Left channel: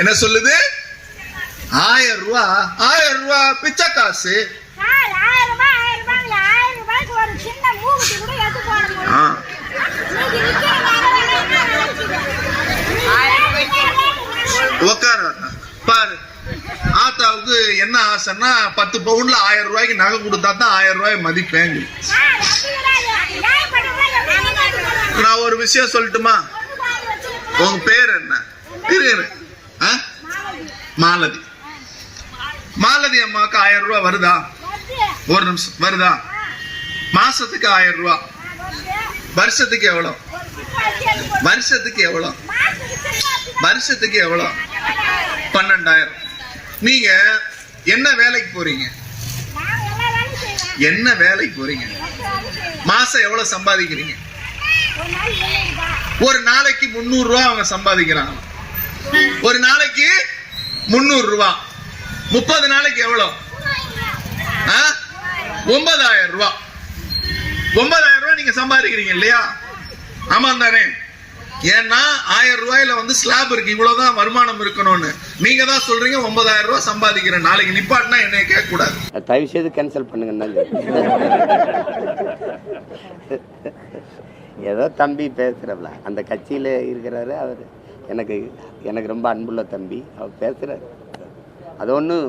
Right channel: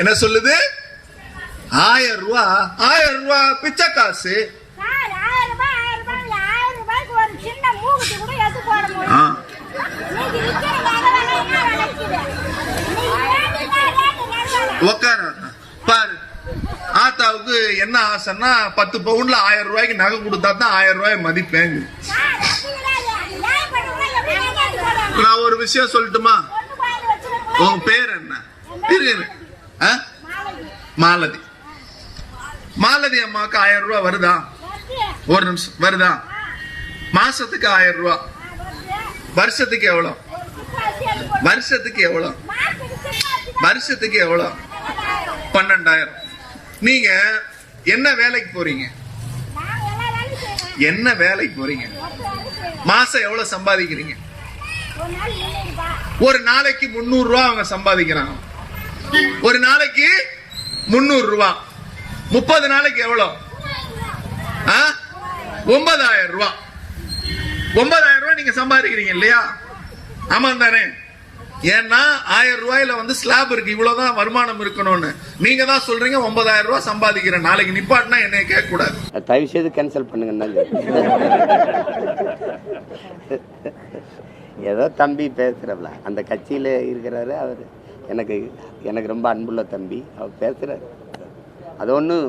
என்ன சொல்லுது? 1000 ரூபாய். 1000 ரூபாய் பிச்சை காசு. பாரு, ஆத்தாவுக்கு என்ன ஆசைன்னா 10 பவுன்ல 1000 ரூபாய்க்கு நகை கொடுத்தா தான் 1000 ரூபாய் மதிப்பேங்க. நான் ஒரு விஷயம் சொல்லட்டுமா? உங்க பேர் என்ன? மாலதி. மாலதி அம்மாவுக்கு 1000 ரூபாய் வருதா? ஒரு நிமிஷம், வருதா? மாசத்துக்கு 1000 ரூபாய். வருஷத்துக்கு எவ்வளவு? வருஷத்துக்கு எவ்வளவு? வருஷத்துக்கு எவ்வளவு? 12,000. நீங்க என்ன வேலைக்கு போறீங்க? என்ன வேலைக்கு போறீங்க? மாசம் எவ்வளவு சம்பாதிக்கிறீங்க? ஒரு நாளைக்கு 300 ரூபாய் அவங்க சம்பாதிக்கிறாங்க. ஒரு நாளைக்கு 300 ரூபாய். 30 நாளைக்கு எவ்வளவு? 9,000 ரூபாய். 9,000 ரூபாய் நீங்க சம்பாதிக்கிறீங்க இல்லையா? ஆமா தானே? ஏன்னா 1000 ரூபாயில வந்து ஸ்லாப் இருக்கு, இவ்வளவுதான் வருமானம் இருக்கணும்னு. நீங்க தான் சொல்றீங்க 9,000 ரூபாய் சம்பாதிக்கிறேன். நாளைக்கு நிப்பாட்டினா என்னைய கேட்க கூடாது. தயவு செய்து கேன்சல் பண்ணுங்க. ஏதோ தம்பி பேசுறவள அந்த கட்சியில இருக்கிறாரு அவர். எனக்கு ரொம்ப அன்புள்ள தம்பி. அவர் பேசுறாரு, அது ஒன்றும்